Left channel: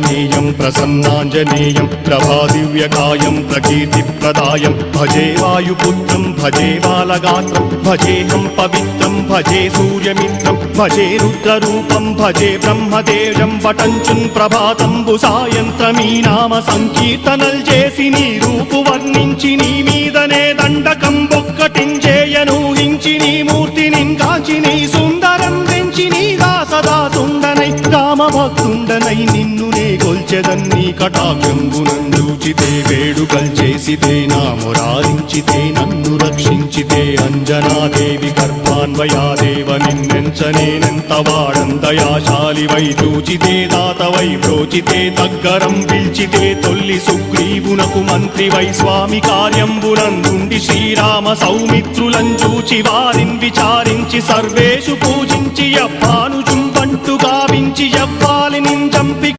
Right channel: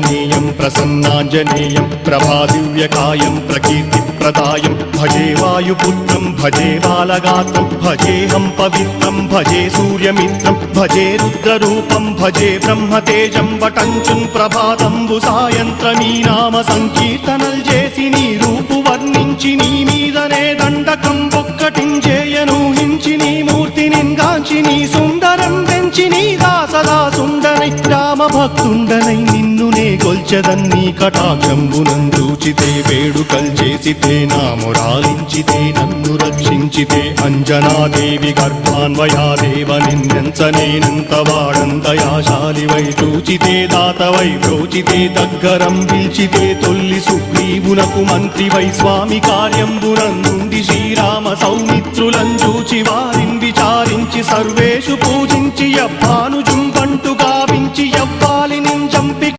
ఆంజనేయం ప్రసన్నాంజనేయం ప్రభాదివ్యకాయం ప్రకీర్తిప్రదాయం భజే వాయుపుత్రం భజే బాలగాత్రం భజేహం పవిత్రం భజే సూర్యమిత్రం భజే రుద్రరూపం భజే బ్రహ్మదేవం వటంచుం ప్రభాతంబు సాయంత్రమీ నామ సంకీర్తనల్ చేసి నీ రూపు వర్ణించి నీ మీదనే దండకం ఒక్కటించేయనూహించి నీ మూర్తిని కాంచి నీ సుందరం పెంచి నీదా సదా సుందరై రామభక్తుండనై నిన్నునే కొల్చెదన్నీ కటాక్షంబునందూచితే వేడుకల్ చేసితే నా మురారించితే నన్ను రక్షించితే అంజనాదేవి గర్భాన్వయాదేవ నిందించనే